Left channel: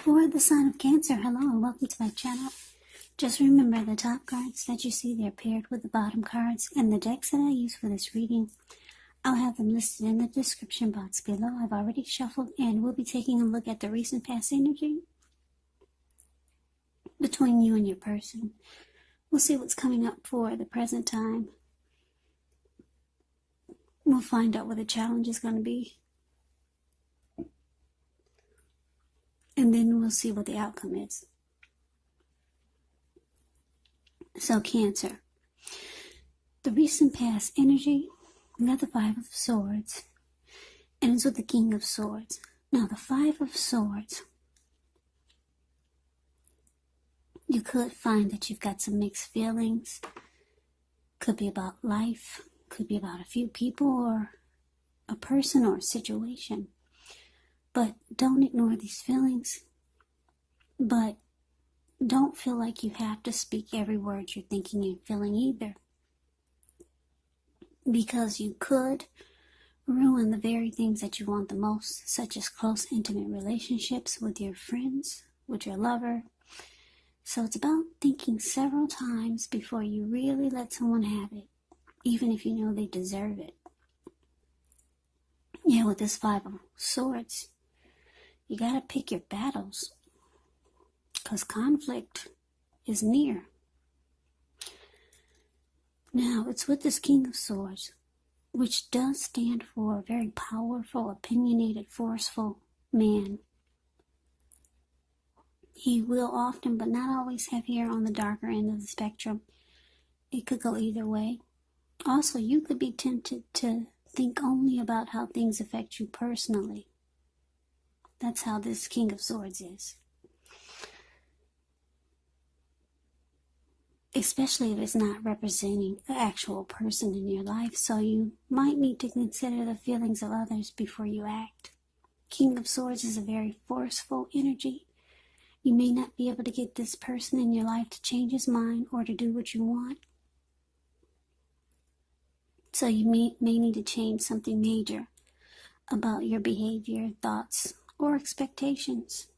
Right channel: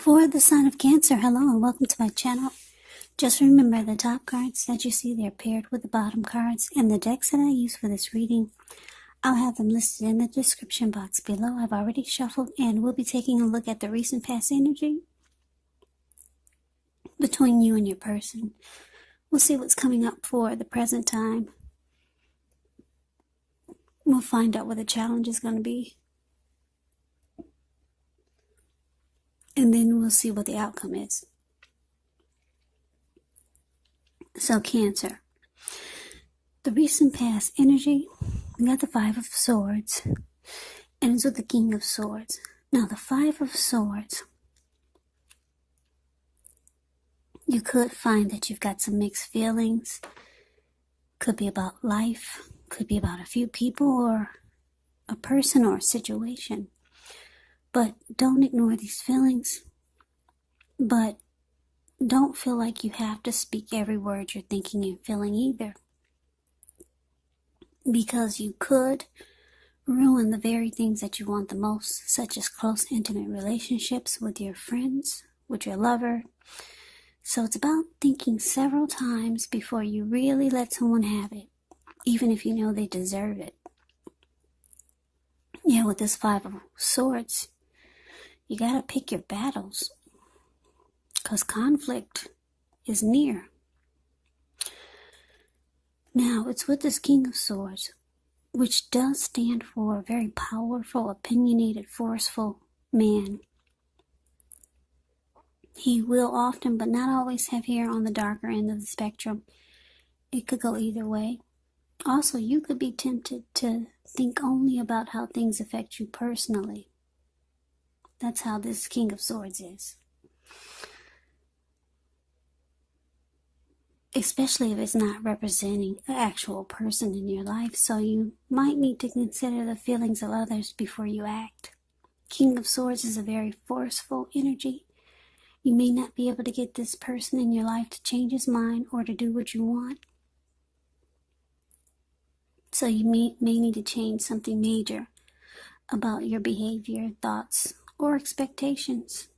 For the sign of Cancer, hello and welcome to my channel. Just remember the top cards that you see, they're paired with the bottom cards. And the decks that I use for this reading, I'll have them listed in the description box below. I've already shuffled and we'll be taking a look at the recent past energy between you and your person. We'll see what's coming up for the present time. We'll find out what the challenge is going to be. And then we'll see what the outcome is. So Cancer, the recent past energy, we got the Five of Swords, and it's with the King of Swords. Now the Five of Swords, you could find that you've got some mixed feelings. Could be about life, could be about a few people or a person or a situation. But don't ignore these feelings. But don't feel like you have to speak every word you're thinking and feeling either. Because you could ruin the very things that you want the most, such as close, intimate relationships with your friends, with your lover. So it's about thinking several times before you really let someone have it, even if you know they deserve it. Yeah, with this Five of Swords, you gotta pick your battles, because conflict is near. Now, it's with this King of Swords, which does stand for a very powerful, opinionated, forceful man. He will often, but not always, have hair on the darker end of the spectrum. It could go either way. Also, you could be tempted to think only about how things affect you personally. That's how this King of Swords is. Especially if it's not representing an actual person in your life. So you might need to consider the feelings of others before you act. King of Swords is a very forceful energy. You may not be able to get this person in your life to change his mind or to do what you want. So you may need to change something major about your behavior, thoughts, or expectations.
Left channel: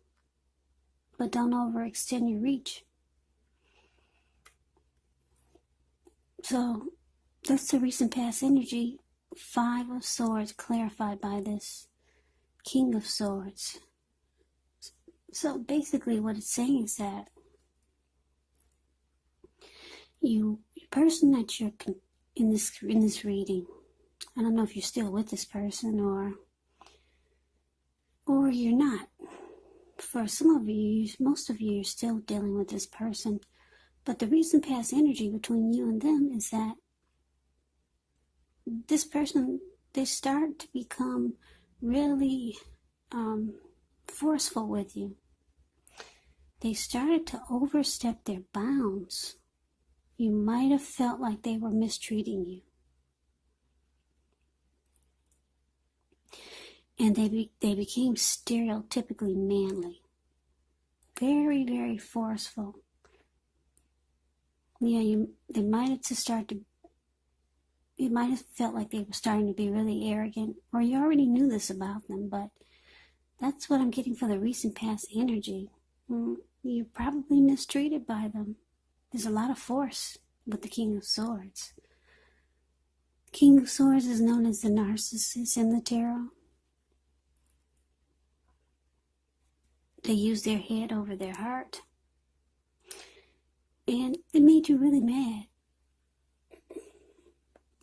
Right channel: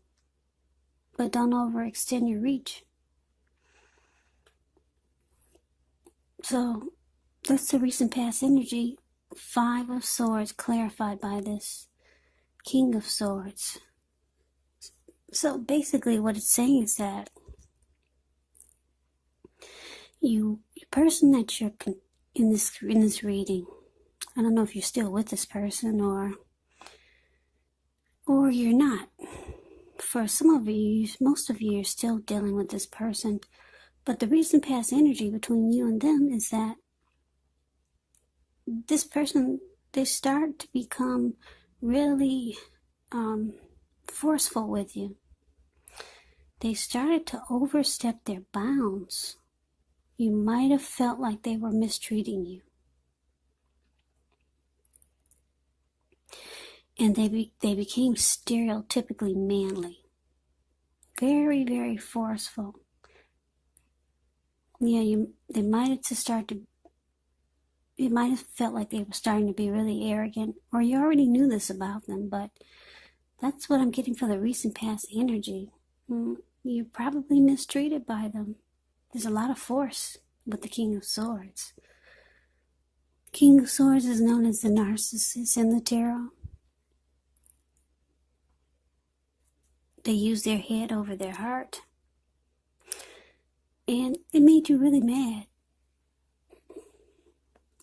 But don't overextend your reach. So that's the recent past energy. Five of Swords clarified by this King of Swords. So basically what it's saying is that the person that you're in this reading, I don't know if you're still with this person or you're not. For some of you, most of you are still dealing with this person. But the recent past energy between you and them is that this person, they start to become really forceful with you. They started to overstep their bounds. You might have felt like they were mistreating you. And they became stereotypically manly. Very, very forceful. Yeah, they might have it might have felt like they were starting to be really arrogant, or you already knew this about them, but that's what I'm getting for the recent past energy. You're probably mistreated by them. There's a lot of force with the King of Swords. King of Swords is known as the Narcissist in the tarot. They use their head over their heart. And it made you really mad.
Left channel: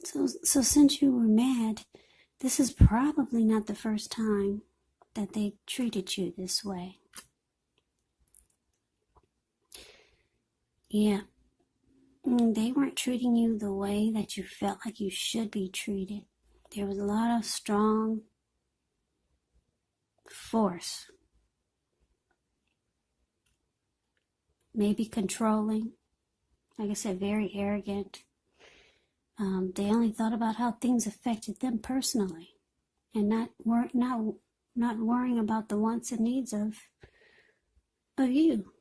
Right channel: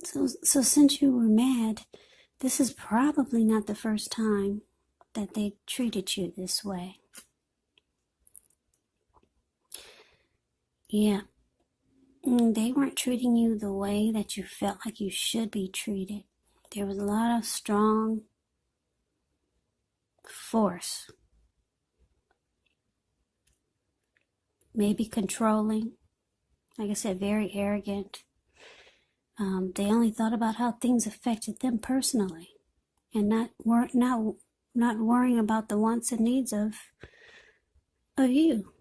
So since you were mad, this is probably not the first time that they treated you this way. Yeah. They weren't treating you the way that you felt like you should be treated. There was a lot of strong force. Maybe controlling. Like I said, very arrogant. They only thought about how things affected them personally, and not worrying about the wants and needs of you.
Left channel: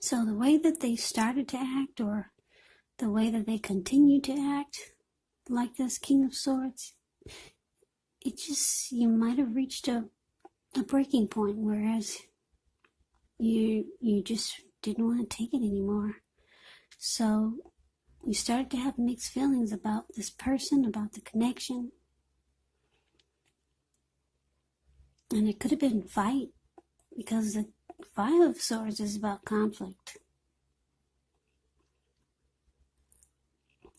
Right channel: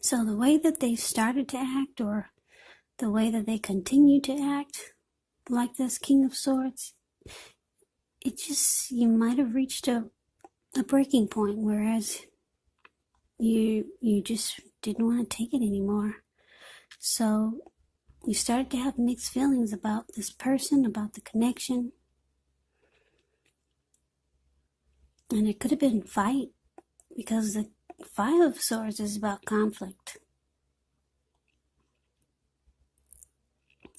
So the way that they started to act, or the way that they continue to act, like this King of Swords, it just, you might have reached a a breaking point, whereas you just didn't want to take it anymore. So you started to have mixed feelings about this person, about the connection. And it could have been fight, because the Five of Swords is about conflict.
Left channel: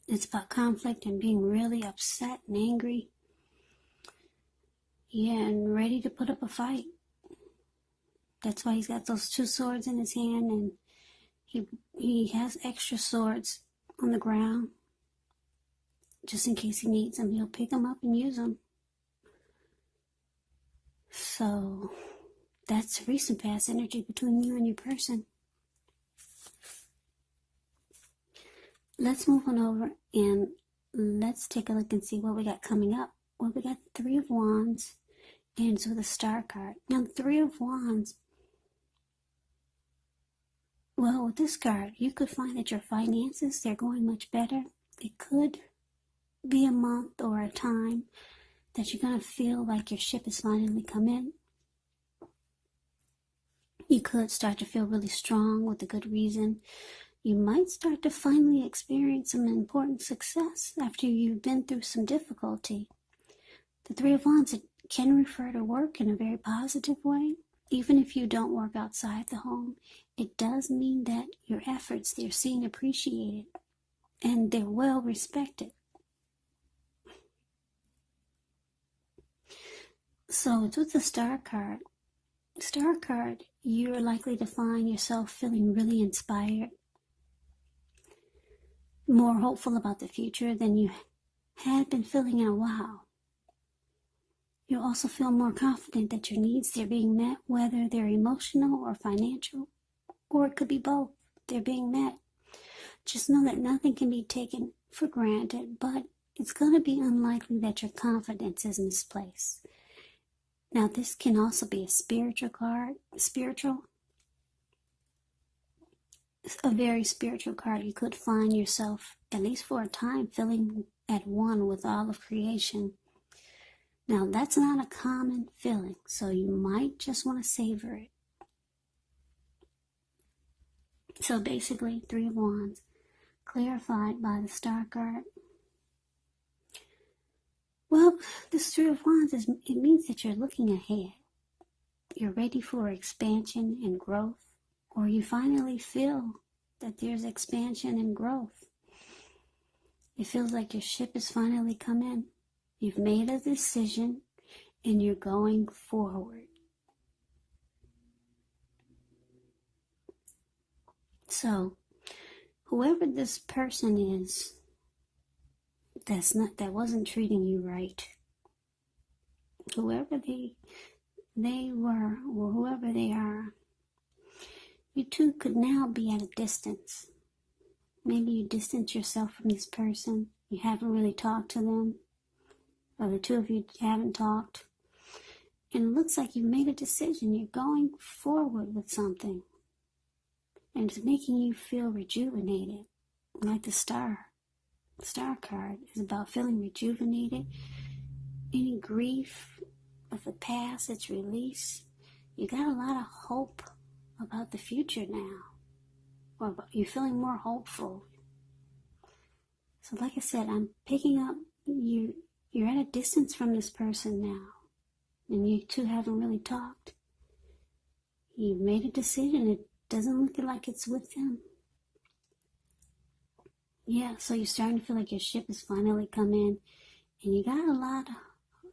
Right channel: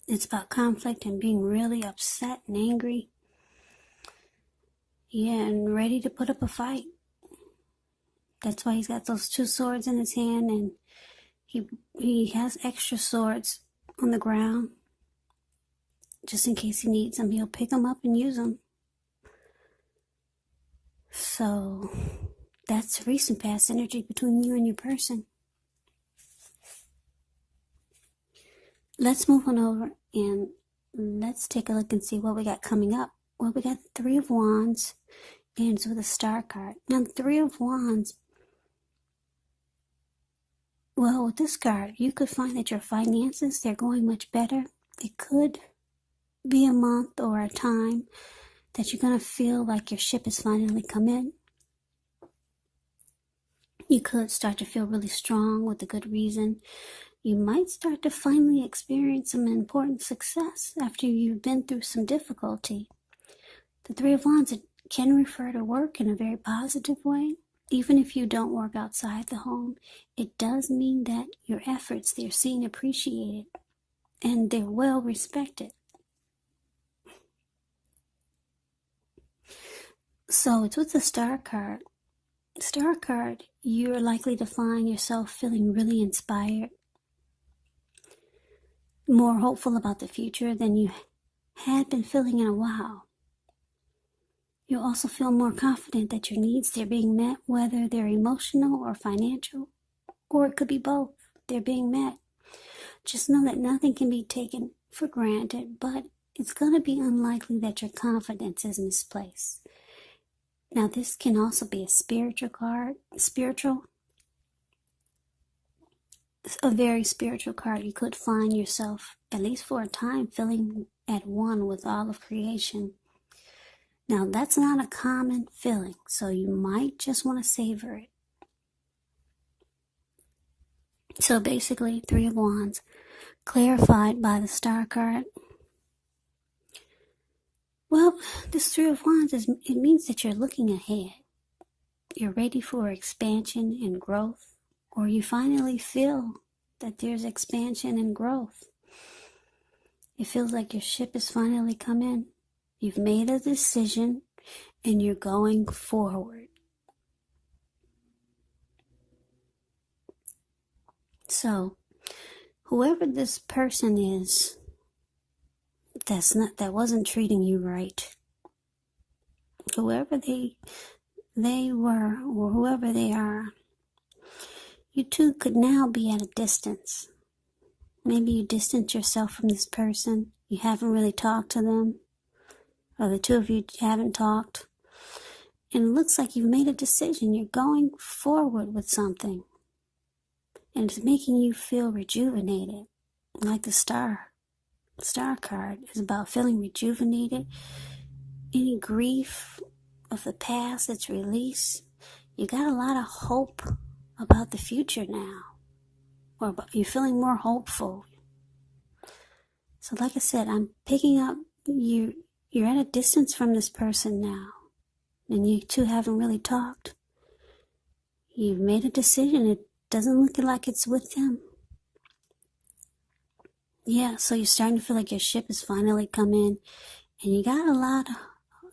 It's about conflict and being really upset and angry. Yeah, and ready to put up a fight. That's why he's got those two swords in his hand, and he has extra swords on the ground. Just in case he needs them, he'll pick them up and use them. So that's recent past energy between you and your person. Let's move on over and let's take a look and see what we got coming up. Well, we got the Three of Wands, and it's with a star card. Now, the Three of Wands, well, with this card, you could find that your finances, they're going much better. It could be a month or a time that you're going to feel like your ship has finally come in. You could start to feel really strong with a good reason. You might start to finally experience some important success after you've been through some difficulty. The Three of Wands, it can refer to work in a very positive way. Even if you don't work outside the home, it does mean that your efforts, they're seen appreciated and they're well respected. So it's with the Star card. Star card, you're likely to find yourself feeling really inspired, more hopeful about the future than you had been feeling in a while. You'll also feel more confident that your needs, they're being met, whether they're emotional or financial, or it could be both. They're being met. Just know that nothing can be taken for granted, but it's going to be unlikely that your confidence is misplaced. Now, this can also be a spiritual card. A very spiritual card. You could find yourself, at least for a time, feeling at one with all of creation. Now, that's not a common feeling, so you might just want to savor it. So basically, Three of Wands, clarified by the Star card. Well, this Three of Wands, it means that you're looking ahead. You're ready for expansion and growth, or you finally feel that there's expansion and growth. It feels like your ship has finally come in. You've made a decision and you're going forward. So, whoever this person is that wasn't treating you right, whoever they were or whoever they are, you two could now be at a distance. Maybe you distance yourself from this person. You haven't really talked to them, or the two of you haven't talked. And it looks like you've made a decision. You're going forward with something. And it's making you feel rejuvenated. Like the Star card is about feeling rejuvenated. Any grief of the past that's released. You got a lot of hope about the future now. Or you're feeling more hopeful. So like I said, I'm picking up, you're at a distance from this person now. And you two haven't really talked. You've made a decision. It doesn't look like it's with them. Yeah, so you're starting to feel like your ship has finally come in. And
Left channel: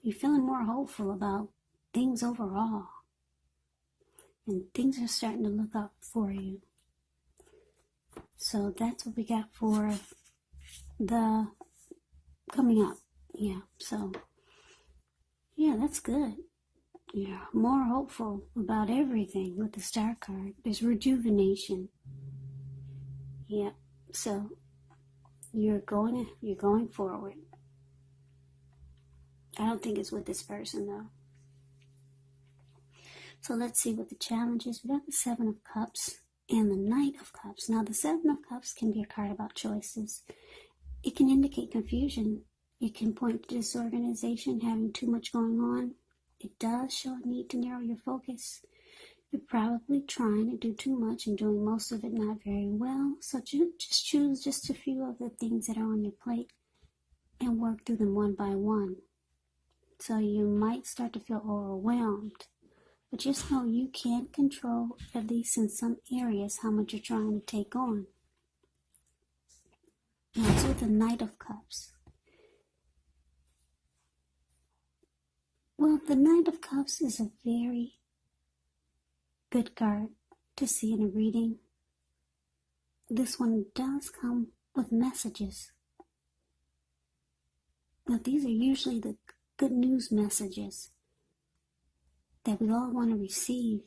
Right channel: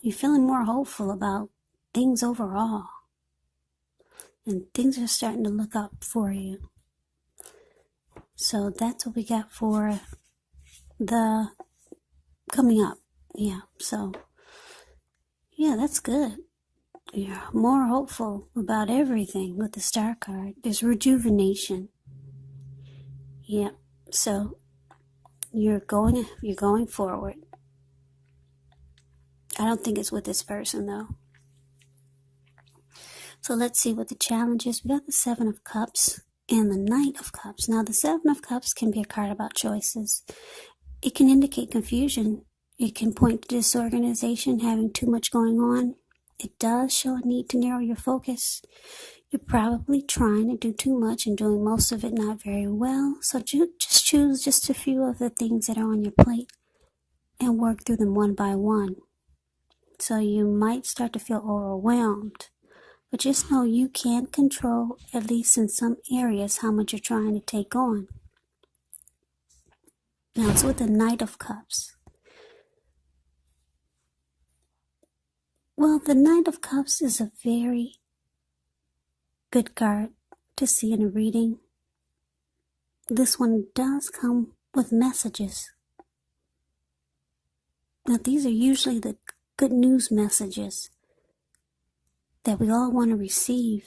you're feeling more hopeful about things overall. And things are starting to look up for you. So that's what we got for the coming up. Yeah, so yeah, that's good. You're more hopeful about everything with the Star card. There's rejuvenation. Yeah, so you're going forward. I don't think it's with this person though. So let's see what the challenge is. We got the Seven of Cups and the Knight of Cups. Now the Seven of Cups can be a card about choices. It can indicate confusion. It can point to disorganization, having too much going on. It does show a need to narrow your focus. You're probably trying to do too much and doing most of it not very well. So just choose just a few of the things that are on your plate and work through them one by one. So you might start to feel overwhelmed. But just know you can't control, at least in some areas, how much you're trying to take on. Now it's with the Knight of Cups. Well, the Knight of Cups is a very good card to see in a reading. This one does come with messages. Now these are usually the good news messages that we all want to receive.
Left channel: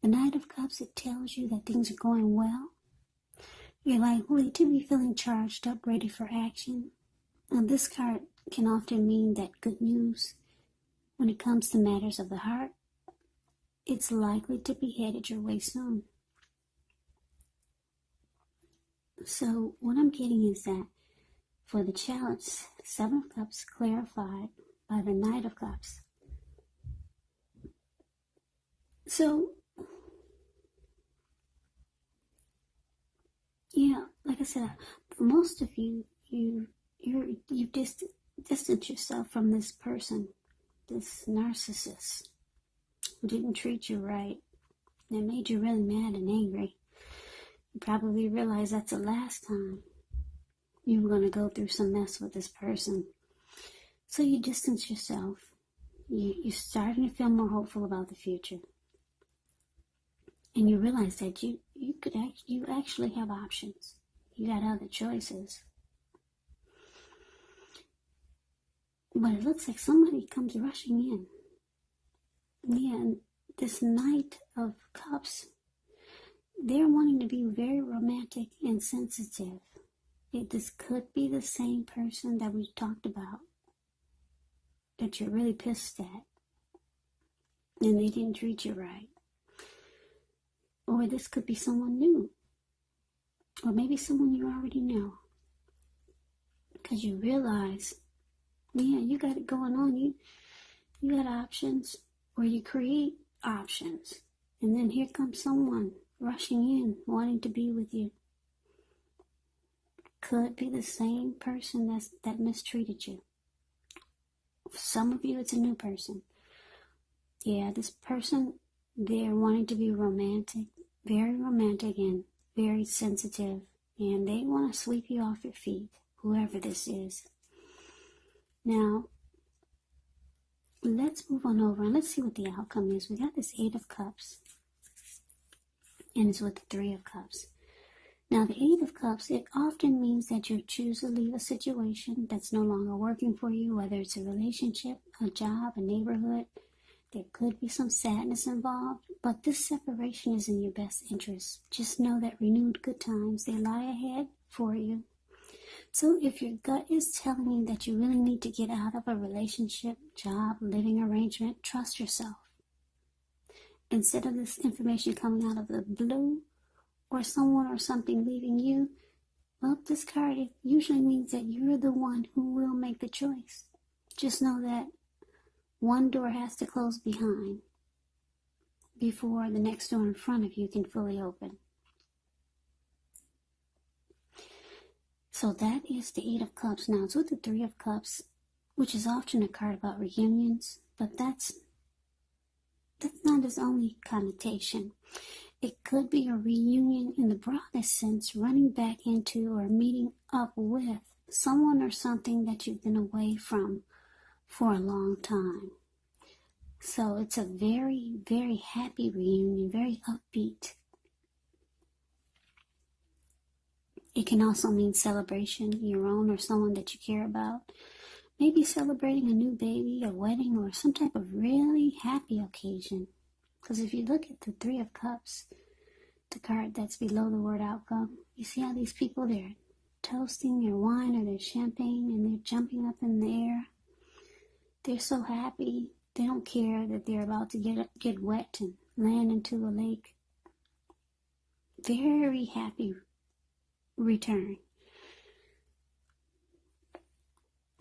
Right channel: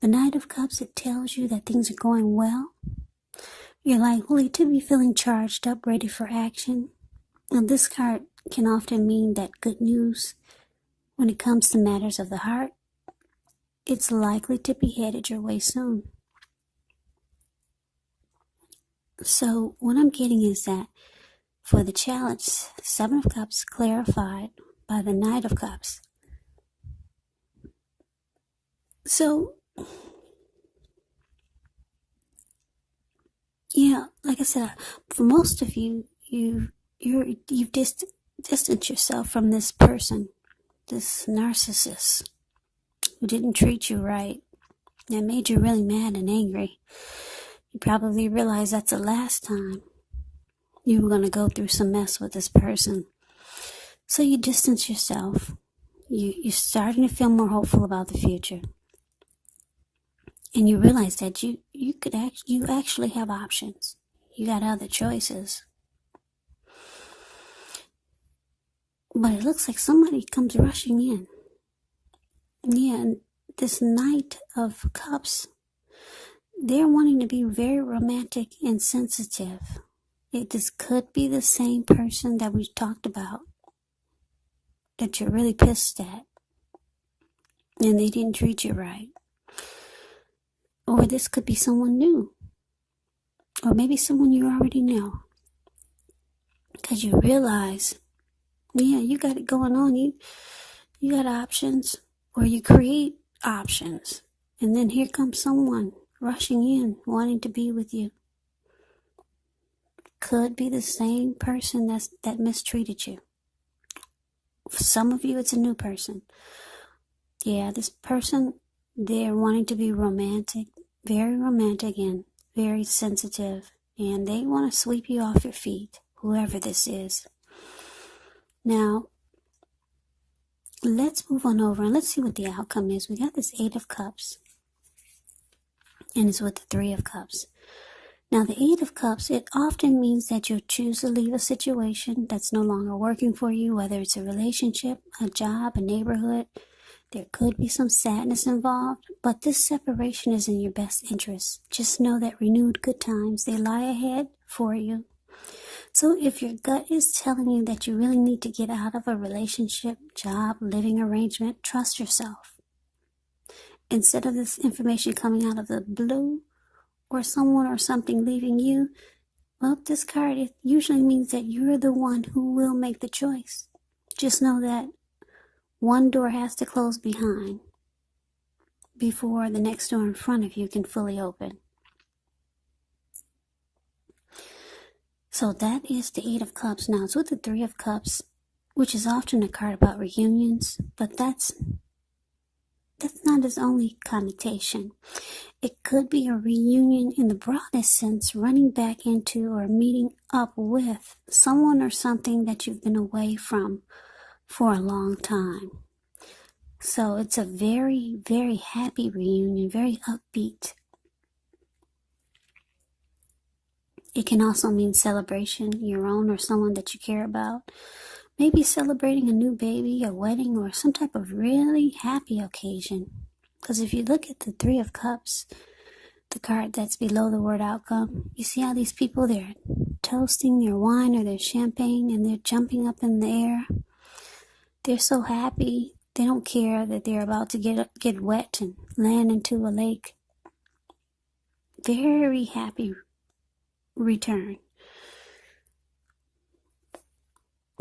The Knight of Cups, it tells you that things are going well. You're likely to be feeling charged up, ready for action. And this card can often mean that good news, when it comes to matters of the heart, it's likely to be headed your way soon. So what I'm getting is that for the challenge, Seven of Cups clarified by the Knight of Cups. So, yeah, like I said, for most of you, you've distanced yourself from this person, this narcissist, who didn't treat you right, that made you really mad and angry. You probably realize that's the last time you were going to go through some mess with this person. So you distance yourself. You're starting to feel more hopeful about the future. And you realize that you actually have options. You got other choices. But it looks like somebody comes rushing in. Yeah, and this Knight of Cups, they're wanting to be very romantic and sensitive. This could be the same person that we talked about, that you're really pissed at, and they didn't treat you right. Or this could be someone new. Or maybe someone you already know. Because you realize, yeah, you got it going on. You got options. Or you create options. And then here comes someone rushing in, wanting to be with you. Could be the same person that mistreated you. For some of you, it's a new person. Yeah, this person, they're wanting to be romantic, and very sensitive, and they want to sweep you off your feet, whoever this is. Now, let's move on over and let's see what the outcome is. We got this Eight of Cups, and it's with the Three of Cups. Now, the Eight of Cups, it often means that you choose to leave a situation that's no longer working for you, whether it's a relationship, a job, a neighborhood. There could be some sadness involved, but this separation is in your best interest. Just know that renewed good times, they lie ahead for you. So if your gut is telling you that you really need to get out of a relationship, job, living arrangement, trust yourself. Instead of this information coming out of the blue, or someone or something leaving you, well, this card, it usually means that you're the one who will make the choice. Just know that one door has to close behind before the next door in front of you can fully open. So that is the Eight of Cups. Now it's with the Three of Cups, which is often a card about reunions, but that's not its only connotation. It could be a reunion in the broadest sense, running back into or meeting up with someone or something that you've been away from for a long time. So it's a very, very happy reunion, very upbeat. It can also mean celebration, your own or someone that you care about. Maybe celebrating a new baby, a wedding, or some type of really happy occasion. Because if you look at the Three of Cups, the card that's below the word outcome, you see how these people, they're toasting their wine or their champagne and they're jumping up in the air. They're so happy. They don't care that they're about to get wet and land into a lake. Very happy return.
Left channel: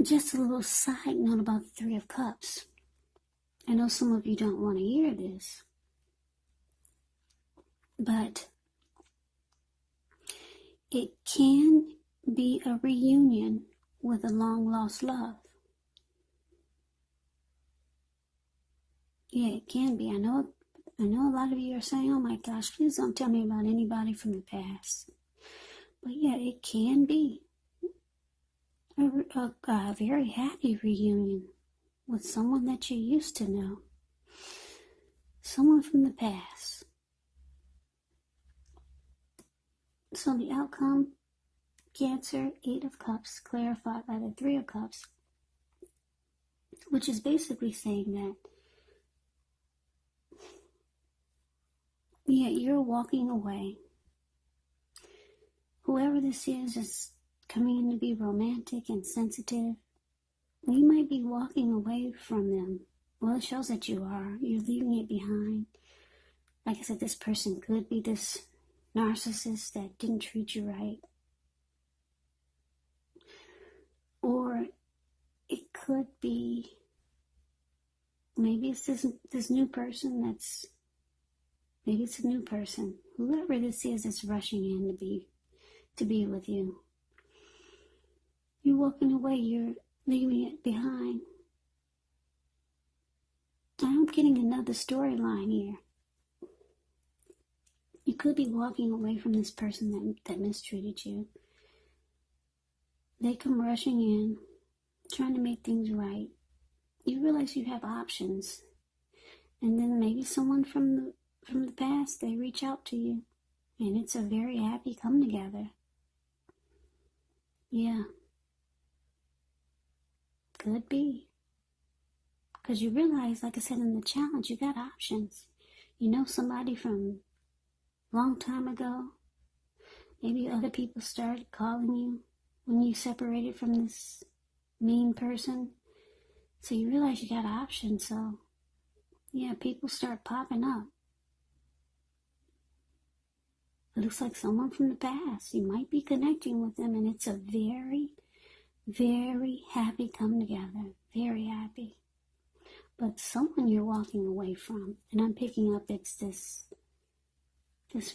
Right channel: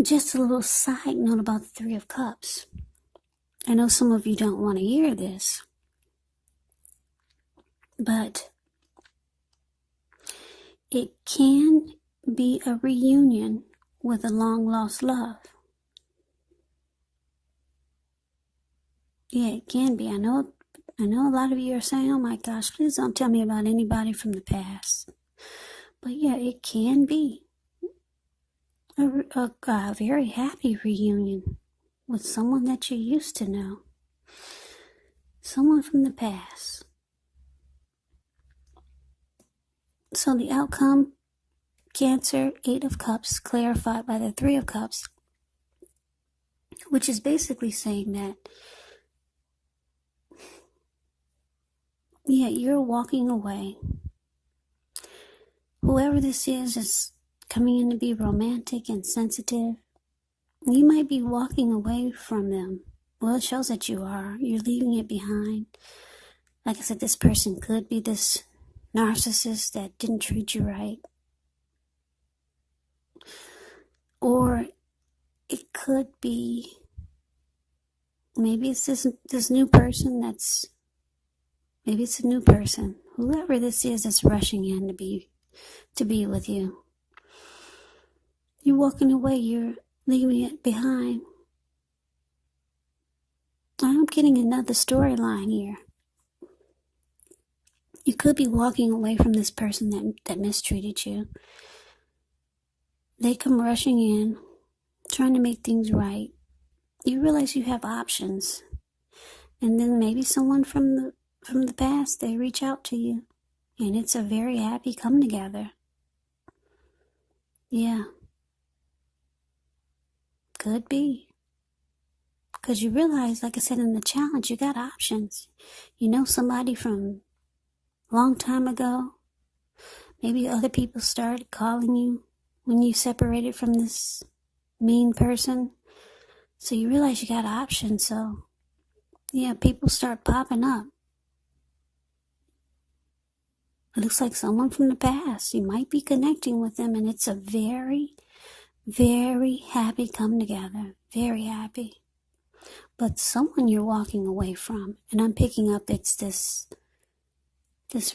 Just a little side note about the Three of Cups. I know some of you don't want to hear this, but it can be a reunion with a long-lost love. Yeah, it can be. I know a lot of you are saying, oh my gosh, please don't tell me about anybody from the past. But yeah, it can be a very happy reunion with someone that you used to know. Someone from the past. So the outcome, Cancer, 8 of Cups, clarified by the 3 of Cups, which is basically saying that, yeah, you're walking away. Whoever this is coming in to be romantic and sensitive. You might be walking away from them. Well, it shows that you are. You're leaving it behind. Like I said, this person could be this narcissist that didn't treat you right. Or it could be, maybe it's this new person maybe it's a new person. Whoever this is that's rushing in to be with you. You're walking away, you're leaving it behind. I'm getting another storyline here. You could be walking away from this person that mistreated you. They come rushing in, trying to make things right. You realize you have options. And then maybe someone from the past, they reach out to you. And it's a very happy come together. Yeah. Could be. Because you realize, like I said in the challenge, you got options. You know somebody from a long time ago. Maybe other people started calling you when you separated from this mean person. So you realize you got options. So, yeah, people start popping up. It looks like someone from the past. You might be connecting with them, and it's a very, very happy come together. Very happy. But someone you're walking away from, and I'm picking up it's this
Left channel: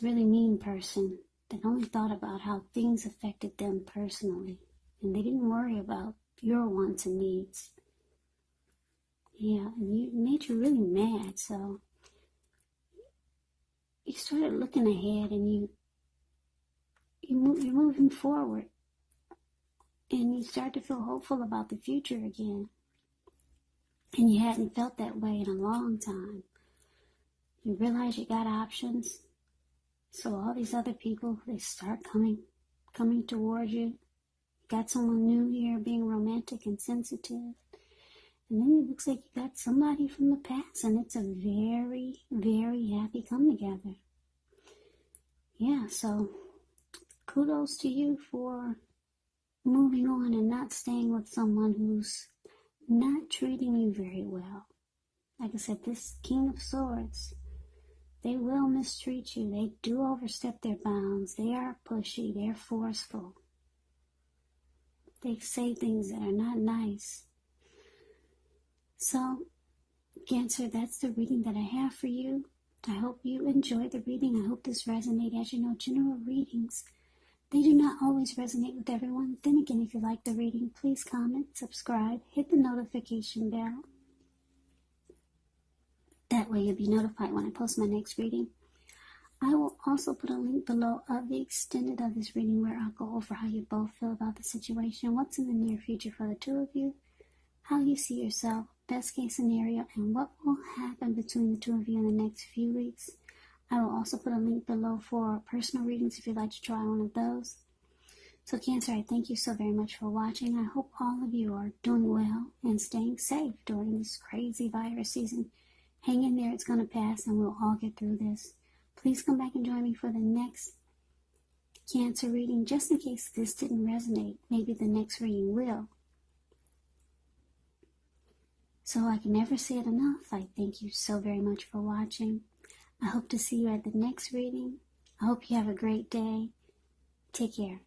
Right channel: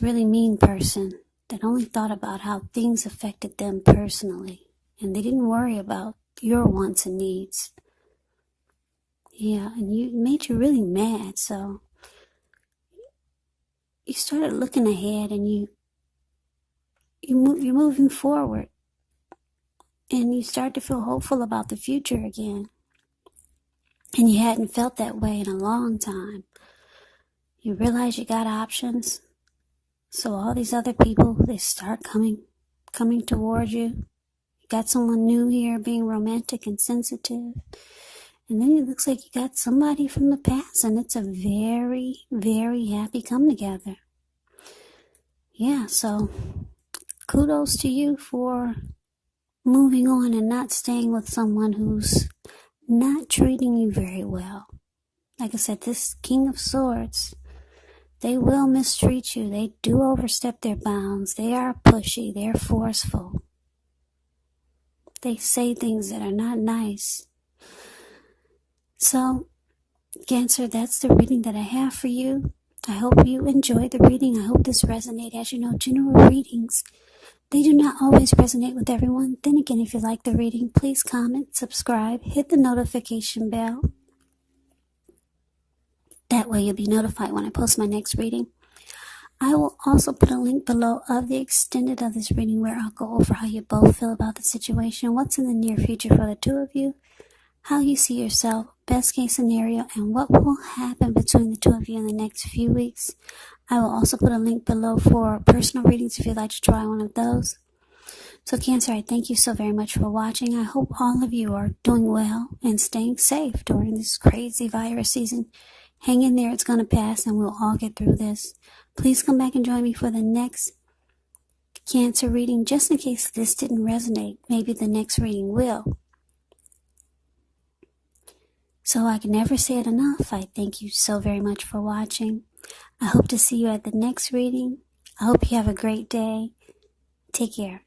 really mean person that only thought about how things affected them personally, and they didn't worry about your wants and needs. Yeah, and it made you really mad, so you started looking ahead, and you're moving forward, and you start to feel hopeful about the future again. And you hadn't felt that way in a long time. You realize you got options. So all these other people, they start coming towards you. You got someone new here being romantic and sensitive. And then it looks like you got somebody from the past, and it's a very, very happy come together. Yeah, so kudos to you for moving on and not staying with someone who's not treating you very well. Like I said, this King of Swords, they will mistreat you. They do overstep their bounds. They are pushy. They're forceful. They say things that are not nice. So, Cancer, that's the reading that I have for you. I hope you enjoyed the reading. I hope this resonated. As you know, general readings, they do not always resonate with everyone. Then again, if you like the reading, please comment, subscribe, hit the notification bell. That way you'll be notified when I post my next reading. I will also put a link below of the extended of this reading where I'll go over how you both feel about the situation, what's in the near future for the two of you, how you see yourself, best case scenario, and what will happen between the two of you in the next few weeks. I will also put a link below for personal readings if you'd like to try one of those. So Cancer, I thank you so very much for watching. I hope all of you are doing well and staying safe during this crazy virus season. Hang in there, it's going to pass, and we'll all get through this. Please come back and join me for the next Cancer reading, just in case this didn't resonate. Maybe the next reading will. So I can never say it enough. I thank you so very much for watching. I hope to see you at the next reading. I hope you have a great day. Take care.